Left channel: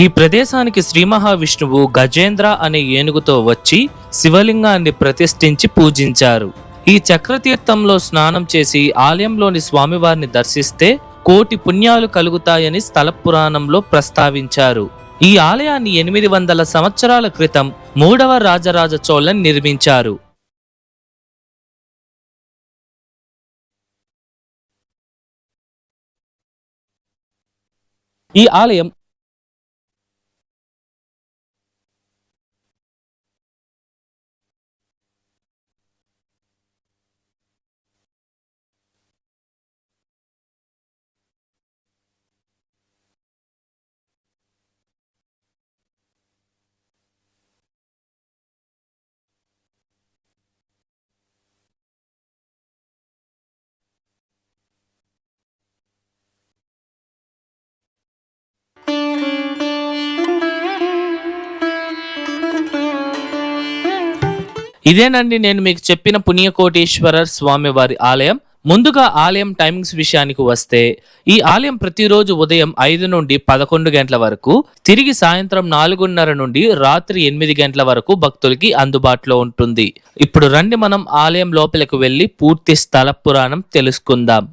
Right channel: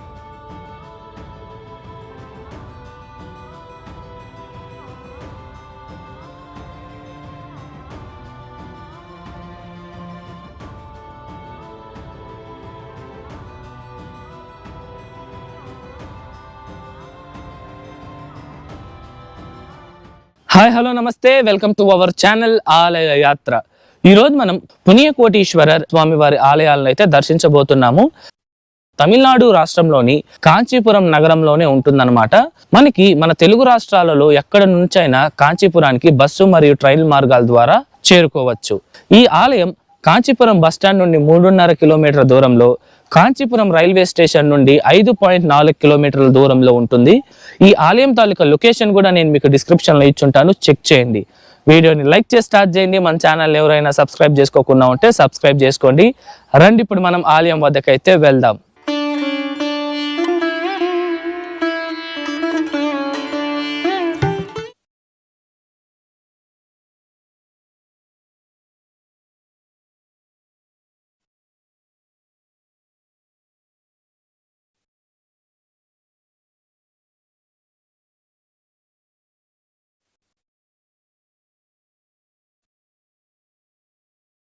ఈ ప్రదేశానికి శ్రీ మహావిష్ణువు గజేంద్ర అనే ఏనుగుతో వచ్చి శివలింగాన్ని ప్రతిష్ఠించి పూజించారు. ఈ చక్రతీర్థంలో స్నానం చేసి ఆలయంలోని స్వామివారిని దర్శిస్తే కోటి పుణ్యాలు కలుగుతాయని స్థల పురాణంలో ప్రస్తావించారు. ఈ ఆలయాన్ని 800 సంవత్సరాల క్రితం 3వ రాజరాజ చోళన్ నిర్మించారు. హాయ్ హలో నమస్తే, వెల్కమ్ టు అవర్ ఛానల్ ఆలయ యాత్ర. ఈ రోజు మనం పుణ్యకోటీశ్వర స్వామివారి ఆలయాలను అయితే దర్శించబోతున్నాము. ఈ ఆలయం తమిళనాడు రాష్ట్రంలోని కాంచీపురం నగరంలోనే ఉంటుందన్నమాట. మన తెలుగు రాష్ట్రాలలో ఎక్కడ నుంచైనా కాంచీపురానికి బస్సు మరియు ట్రైన్ మార్గాల ద్వారా చేరుకోవచ్చు. ఈ ఆలయం కాంచీపురం బస్టాండ్ నుండి 3.5 కిలోమీటర్ల దూరంలో, కాంచీపురం రైల్వే స్టేషన్ నుండి 5.4 కిలోమీటర్ల దూరంలో ఉంటుంది. ఈ ఆలయం తాలూకా లొకేషన్ కూడా నేను మీకు డిస్క్రిప్షన్లో ఇచ్చుంటాను, చెక్ చేయండి. వీడియోని లైక్ చేసి స్టార్ట్ చేయండి. మన ఛానల్ ఎవరైనా సబ్స్క్రైబ్ చేసుకోకుండా ఉంటే సబ్స్క్రైబ్ చేసుకోండి. రండి ఇప్పుడు మనం ఆలయం వద్దకైతే వెళ్దాం. ఇదేనండి నేను మీకు చెప్పిన పుణ్యకోటీశ్వర స్వామివారి ఆలయం. ముందుగా ఆలయం టైమింగ్స్ విషయానికి వస్తే, ఈ ఆలయం ప్రతిరోజు ఉదయం 5 నుండి 11 గంటల వరకు, తిరిగి సాయంత్రం 4:30 నుండి రాత్రి 8 గంటల వరకు భక్తులకి అందుబాటులో ఉంటుంది. ఇప్పుడు రండి మనం ఆలయం లోపలికి వెళ్లి పూర్తి స్థల పురాణం తెలుసుకుందాం.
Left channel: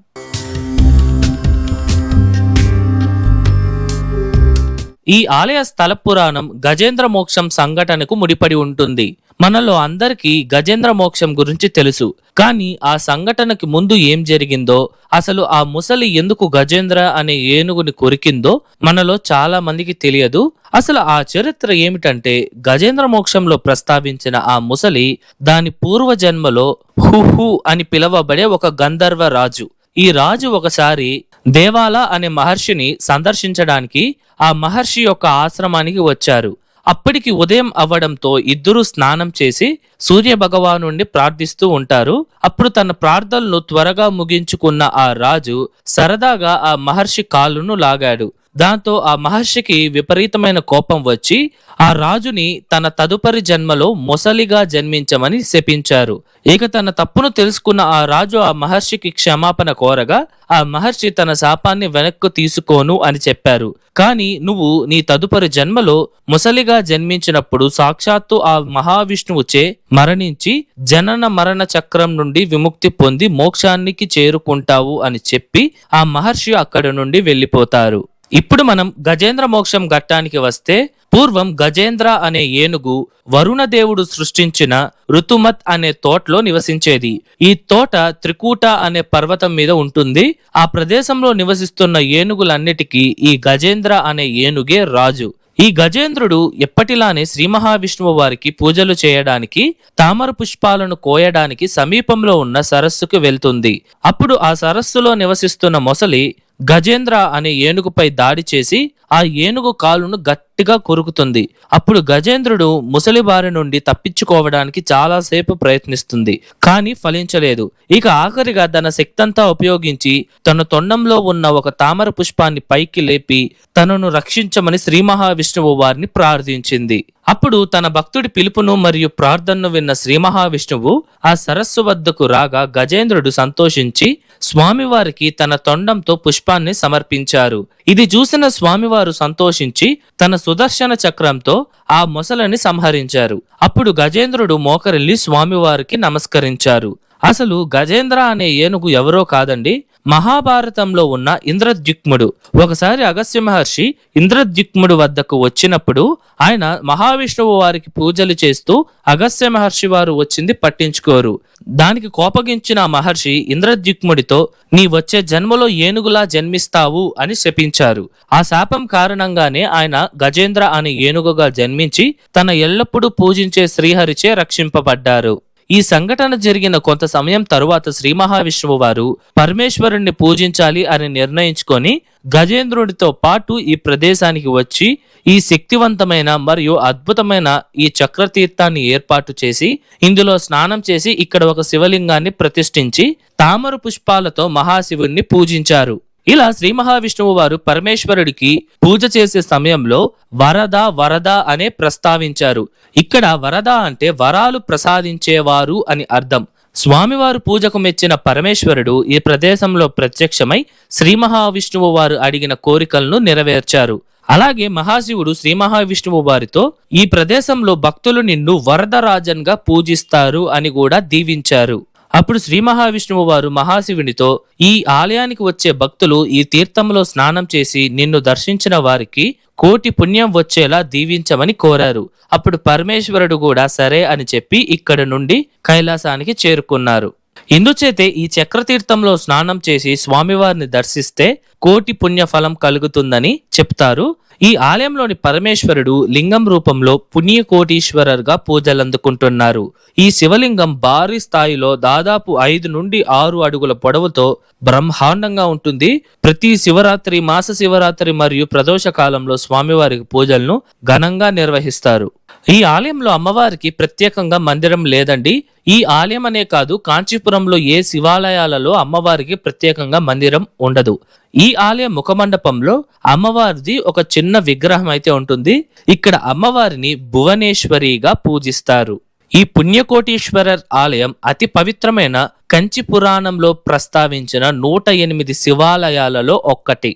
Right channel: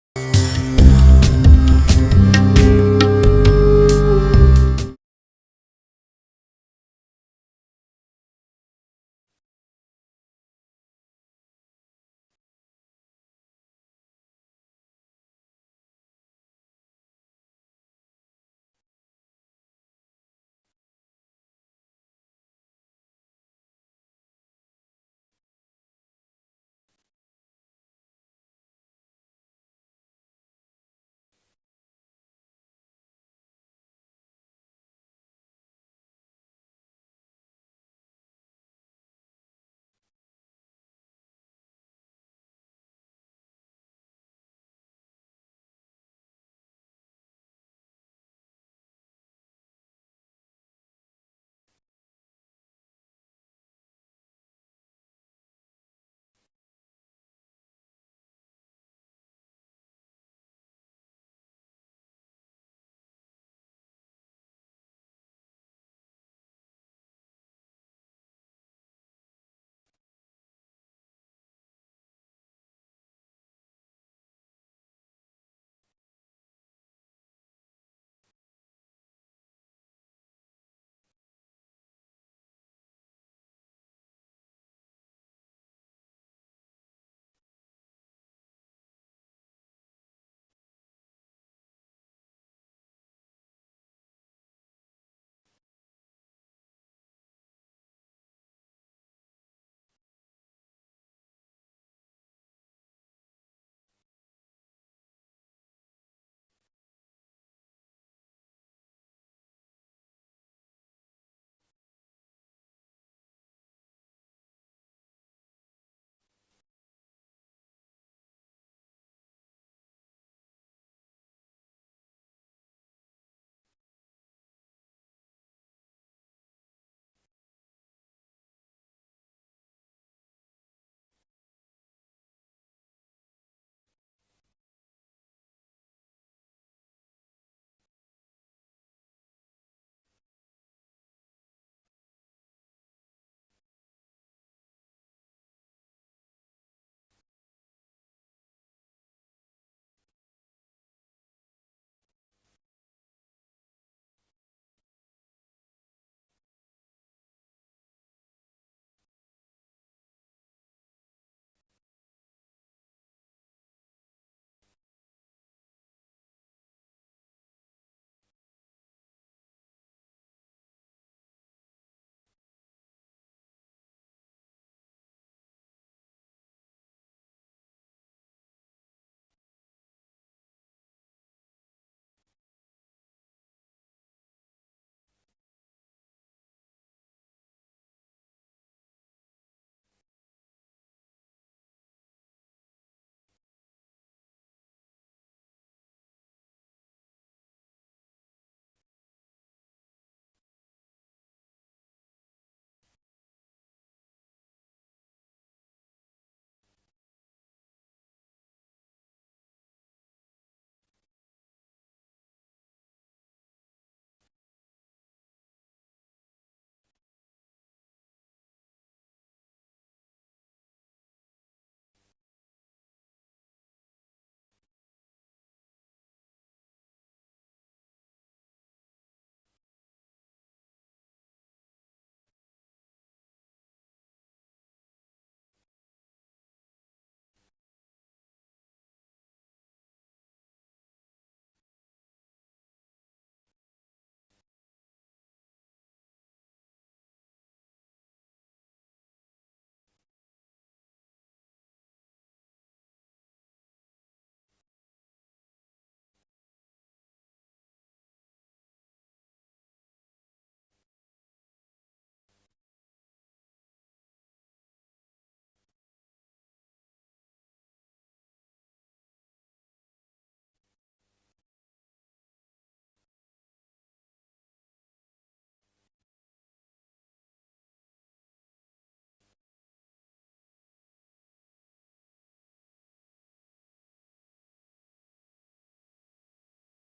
ఈ ఆలయ స్థల పురాణం గజేంద్ర మోక్షం సంఘటనకు ముడిపడి ఉంటుంది. మనలో అందరికీ గజేంద్ర మోక్షం గురించి తెలుసు, కానీ ఆ సంఘటనకి ముందు ఏం జరిగిందో, అసలు ఆ ముసలి ఎందుకు గజేంద్ర అనే ఏనుగుని కొరికిందో మనలో చాలా మందికి తెలియదు. అసలు ఆ చరిత్ర ఏమిటంటే, గజేంద్ర మోక్షంలో ప్రస్తావించిన ఆ ముసలి దాని పూర్వజన్మలో హుహు అని పిలువబడే ఒక గంధర్వ రాజు. ఈ రాజు ఒకసారి దేవాల అనే మహర్షిని సందర్శించడానికి ఆ మహర్షి యొక్క ఆశ్రమానికి వచ్చారు. అప్పటికి ఉదయం అవ్వడంతో ఇద్దరు స్నానం చేసి సూర్య భగవానుణ్ణి ప్రార్థిస్తూ ఉంటారు. అప్పుడు తన ప్రార్థనలు త్వరగా ముగించుకున్న ఆ రాజు సరదాగా ఆ మహర్షి కాలును లాగాడు. దాంతో ఆ మహర్షికి విపరీతమైన కోపం వచ్చి ఆ రాజుని తన తదుపరి జన్మలో మొసలిగా జన్మించమని శపించారు. ఇక తన తప్పును తెలుసుకున్న ఆ రాజు ఆ మహర్షికి క్షమాపణ కోరగా ఆ మహర్షి తన శాపాన్ని వెనక్కు తీసుకోను అని చెప్పారు. కానీ నువ్వు నీ తదుపరి జన్మలో ముసలిగా జన్మించినప్పుడు సాక్షాత్తు ఆ మహావిష్ణువుచే మరణించి జనన మరణ చక్రం నుండి విముక్తి పొంది మోక్షానికి చేరుకుంటావు అని చెప్పి ఆ మహర్షి అక్కడి నుండి వెళ్ళిపోతారు. ఇప్పుడు మనం గజేంద్ర మోక్షం ఘట్టానికి వస్తే, పూర్వం గజేంద్ర అనే ఏనుగు వరుణదేవుడు సృష్టించిన ఋతుమత్ అనే తోటలో నివసించేది. ఈ తోట త్రికూట అనే పర్వతం మీద ఉంటుంది. ఆ ప్రదేశంలో నివసిస్తున్న ఏనుగులన్నిటికీ ఈ గజేంద్ర అనే ఏనుగే రాజు. ఈ గజేంద్రుడు ఎప్పటిలానే శ్రీ మహావిష్ణువు వారికి పూజలు చేయడానికి, తామర పుష్పాలను కోయడానికి సమీపంలో ఉన్న సరస్సుకు వెళ్తుంది. అప్పుడు ఆ సరస్సులో నివసిస్తున్న మొసలి గజేంద్ర అనే ఏనుగుపై దాడి చేసి ఆ ఏనుగు కాలును గట్టిగా కొరుకుతుంది. అప్పుడు గజేంద్రుడు ముసలి బారి నుండి తప్పించుకోవడానికి చాలాసేపు ప్రయత్నిస్తుంది, కానీ ఫలించలేదు. ఇక ఆఖరిగా తన శక్తంతా ఉపయోగించి తన తొండంలో ఉన్న ఒక తామర పుష్పాన్ని పైకి లేపి తనను రక్షించమని శ్రీ మహావిష్ణువు వారిని ప్రార్థించింది. అప్పుడు తన భక్తుడి పిలుపును మరియు ప్రార్థనను విన్న శ్రీ మహావిష్ణువు ఆ సరస్సు వద్దకు రాగా గజేంద్రుడు సంతోషించి స్వామివారికి తన తొండంతో పుష్పాన్ని సమర్పించారు. ఇది చూసిన స్వామివారు సంతోషించి తన సుదర్శన చక్రంతో ఆ మొసలని సంహరించారు. అప్పుడు గజేంద్రుడు మోకరిల్లి స్వామివారికి నమస్కరించారు. అసలు గజేంద్ర అనే ఏనుగు ఎవరో కాదండి, మహాభారతంలో ఉన్న ఇంద్రద్యుమ్నుడు. ఒకసారి అగస్త్య మహర్షి ఇంద్రద్యుమ్నుడు వద్దకు వచ్చినప్పుడు ఆయన మహావిష్ణువు వారికి పూజలు చేస్తూ అగస్త్య మహర్షి వారు వచ్చింది పట్టించుకోరు. దానికి కోపగించిన మహర్షి ఇంద్రద్యుమ్నుడితో నీ వచ్చే జన్మలో ఏనుగులా జన్మిస్తావు అని శపించారు. ఆ శాపం కారణంగానే ఆయన గజేంద్ర అనే ఏనుగుగా జన్మించి తన ఎల్లప్పుడూ పూజించే శ్రీహరిచే రక్షింపబడ్డారు. ఈ సంఘటన జరిగిన కొంత సమయం తరువాత శ్రీ మహావిష్ణువు వారు పరమేశ్వరుణ్ణి పూజించాలి అని నిర్ణయించుకొని గజేంద్రుడితో పాటు ఈ ప్రదేశానికి వచ్చి ఈ శక్తివంతమైన మరియు అద్భుతమైన ఈ చక్రతీర్థాన్ని ఏర్పాటు చేసి ఇందులో స్నానం చేసి ఇక్కడ ఒక శివలింగాన్ని ప్రతిష్ఠించి తామర పుష్పాలతో మహాశివుణ్ణి పూజించారు. ఇలా శ్రీ మహావిష్ణువు వారు పరమేశ్వరుడికి పూజ చేసే సమయంలో వరద వరద అనే ప్రస్తావించారు. ఇక్కడ వరద అంటే వరాలు ప్రసాదించేవారు అని అర్థం. స్వామివారు పూజకు మెచ్చిన పరమేశ్వరుడు ఈ ప్రదేశంలో ప్రత్యక్షమై శ్రీ మహావిష్ణువు వారు అడిగిన కోరికలను నెరవేర్చారు. అలాగే మహాశివుడు శ్రీ మహావిష్ణువు వారితో ఈ ప్రదేశంలో భక్తులు నిన్ను వరదరాజన్గా పూజిస్తారు అని కూడా దీవించారు. అప్పుడు శ్రీ మహావిష్ణువు వారు మహాశివునితో ఈ ఆలయానికి వచ్చే భక్తులు ఈ తీర్థంలో స్నానం చేసి నిన్ను దర్శించిన వారికి కోటి పుణ్యం వచ్చేలా దీవించమని కోరారు. అప్పుడు పరమేశ్వరుడు కూడా సరే అని చెప్పి ఇక్కడ నుండి కైలాసానికి చేరుకున్నారు. ఇందుచేతే ఈ చక్రతీర్థంలో స్నానం చేసి స్వామివారిని దర్శిస్తే కోటి పుణ్య ఫలం కలుగుతుందని చెప్తారు. ఈ ఆలయంలోని పరమేశ్వరుడు లింగం రూపంలో పుణ్యకోటీశ్వరర్గా పూజలందుకుంటున్నారు. ఈ శివలింగం భారీ స్థాయిలో దాదాపు 5 నుండి 6 అడుగుల పొడవుతో బ్రహ్మాండంగా ఉంటుంది. ప్రతి శివరాత్రి, మాస శివరాత్రి మరియు ప్రదోష కాలంలో స్వామివారికి పూజలను ఘనంగా నిర్వహిస్తారు. ఈ ఆలయంలో అమ్మవారికి ప్రత్యేకంగా మందిరం లేదండి. ఈ ఆలయం అనే కాదు, కాంచీపురంలో ఏ శివాలయాలలో అమ్మవారికి ప్రత్యేకంగా మందిరం ఉండదు. ఈ ఆలయ ముఖమండపంలో అమ్మవారిది ఒక చిన్న విగ్రహం అయితే ఉంటుంది. ఇక్కడ అమ్మవారిని భువనేశ్వరిగా పూజిస్తారు. ఈ పుణ్యకోటీశ్వరర్ ఆలయం అతి పవిత్రమైన కంచి పురాణంలో ప్రస్తావించిన 108 శివాలయాలలో ఒక్కటి.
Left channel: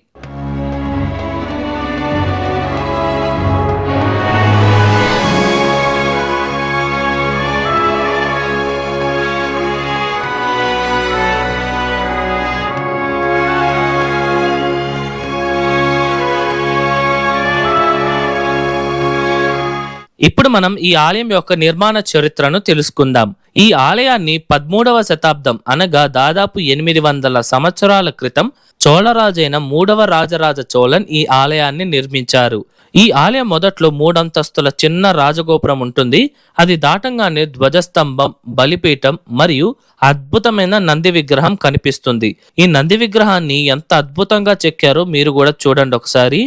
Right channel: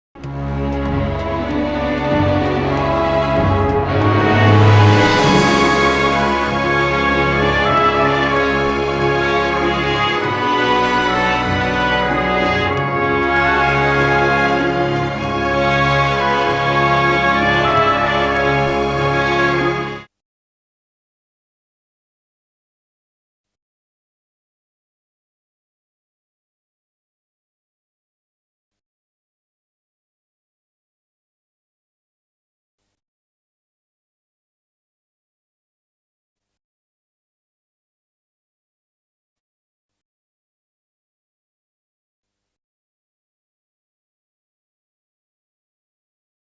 ఇప్పుడు మనం ఈ ఆలయం యొక్క నిర్మాణ చరిత్రను తెలుసుకుందాం. ఈ ఆలయాన్ని 13వ శతాబ్దం అనగా దాదాపు 800 సంవత్సరాల క్రితం చోళరాజైన 3వ రాజరాజ చోళన్ ఈ ఆలయాన్ని నిర్మించారు. ఈ ఆలయం మొదట్లో 3 అంతస్తుల చిన్న రాజగోపురం ఉంటుంది. అది దాటంగానే ధ్వజస్తంభం, బలిపీఠం మరియు అద్భుతమైన నంది విగ్రహం కనిపిస్తుంది. ఈ నంది విగ్రహాన్ని ఎంత అద్భుతంగా చెక్కారో మీరు కూడా చూడండి ఒకసారి.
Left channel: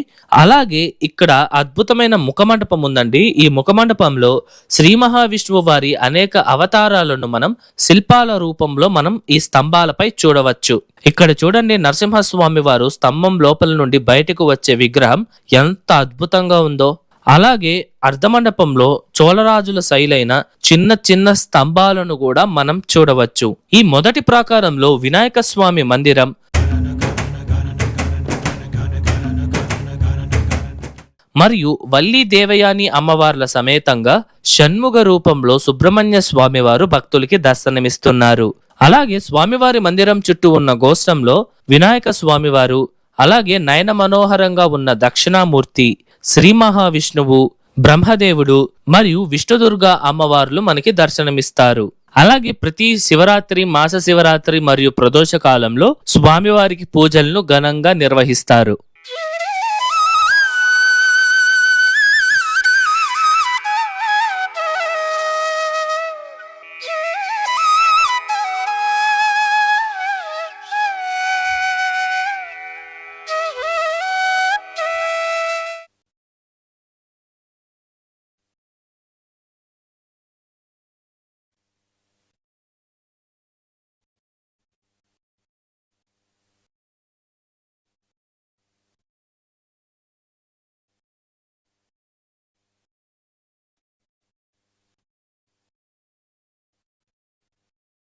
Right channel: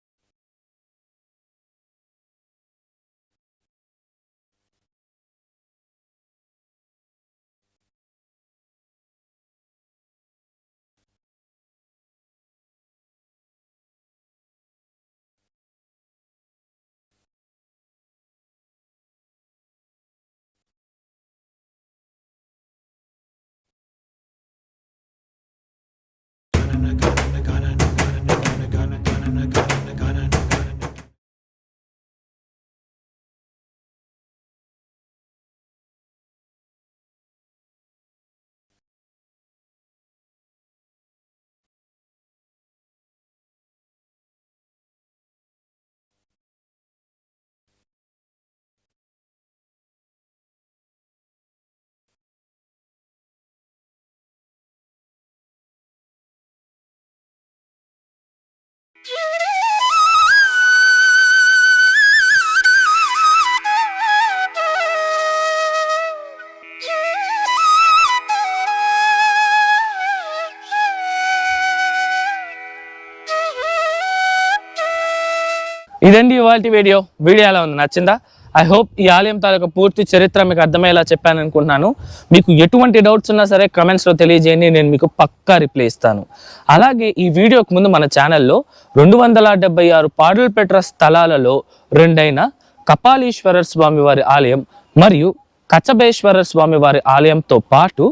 అలాగే ఇక్కడ అద్భుతమైన ముఖమండపం ఉందండి. ఈ ముఖమండపంలో శ్రీ మహావిష్ణువు వారి అనేక అవతారాలను మనం శిల్పాల రూపంలో మనం ఈ స్తంభాలపై చూడవచ్చు. ఇక్కడ చూడండి, నరసింహస్వామి వారు స్తంభం లోపల నుండి బయటకు వచ్చే విగ్రహం ఎంత అద్భుతంగా ఉందో. అలాగే అర్ధమండపంలో చోళరాజుల శైలైన చిన్న చిన్న స్తంభాలను కూడా మనం చూడవచ్చు. ఈ మొదటి ప్రాకారంలో వినాయక స్వామి మందిరం, మరియు వల్లి దేవయాని అమ్మవార్ల సమేతంగా షణ్ముగ రూపంలో సుబ్రహ్మణ్య స్వామి వారు భక్తులకి దర్శనమిస్తున్నారు. అలాగే స్వామివారి మందిరం చుట్టూ ఉన్న గోష్ఠంలో వినాయక స్వామివారు, అలాగే నయన మనోహరంగా ఉన్న దక్షిణామూర్తి, శ్రీ మహావిష్ణువు, బ్రహ్మదేవుడు మరియు విష్ణుదుర్గా అమ్మవార్లు మనకి దర్శనమిస్తారు. అలాగే ప్రతి శివరాత్రి, మాస శివరాత్రి మరియు ప్రదోష కాలంలో స్వామివారికి పూజలను ఘనంగా నిర్వహిస్తారు. ఇదండి ఇవాల్టి వీడియో ఎలా ఉంది, నచ్చిందా? ఐ హోప్ ఈ ఆలయం తాలూకా పూర్తి చరిత్ర మీకు అర్థమయ్యేలా చెప్పాను అనుకుంటున్నాను. మీకు ఎటువంటి డౌట్స్ ఉన్నా సరే కమెంట్స్లో తెలియజేయండి, నేను మీకు పక్కా రిప్లై ఇస్తాను. అలాగే ఈ వీడియోకి ముందు మన ఛానల్లో 276 పాడులు పెట్ట స్థలాలలో 2 కపాలీశ్వరర్ స్వామి వారి ఆలయం మరియు కచ్చబేశ్వరర్ స్వామి వారి ఆలయంతో పాటు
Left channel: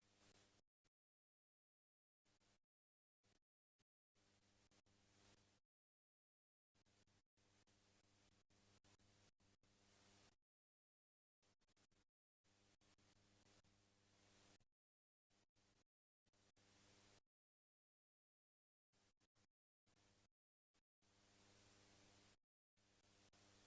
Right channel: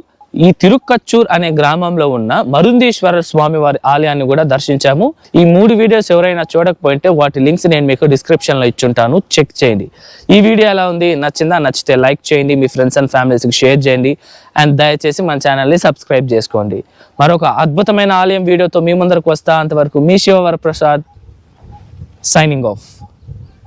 ఈ తిరుక్కచ్చూర్ అనే గ్రామంలో ఉన్న మరుందీశ్వరర్ స్వామి వారి ఆలయాన్ని కూడా దర్శించాము. ఈ 3 వీడియోస్ ఎవరైనా చూడకపోయింటే వాటి లింక్స్ నేను మీకు డిస్క్రిప్షన్లో ఇచ్చుంటాను, చెక్ చేయండి. ఈ వీడియో ఎలా ఉంది, నచ్చిందా? నచ్చితే లైక్ చేయండి, మీ ఫ్రెండ్స్ అండ్ ఫ్యామిలీస్కి షేర్ చేయండి, అండ్ దయచేసి మన ఛానల్ని సబ్స్క్రైబ్ చేసుకోండి. మరొక అద్భుతమైన ఆలయం వీడియోతో మీ ముందరకు వస్తా. అంతవరకు మీ శివవరప్రసాద్ సైనింగ్ ఆఫ్.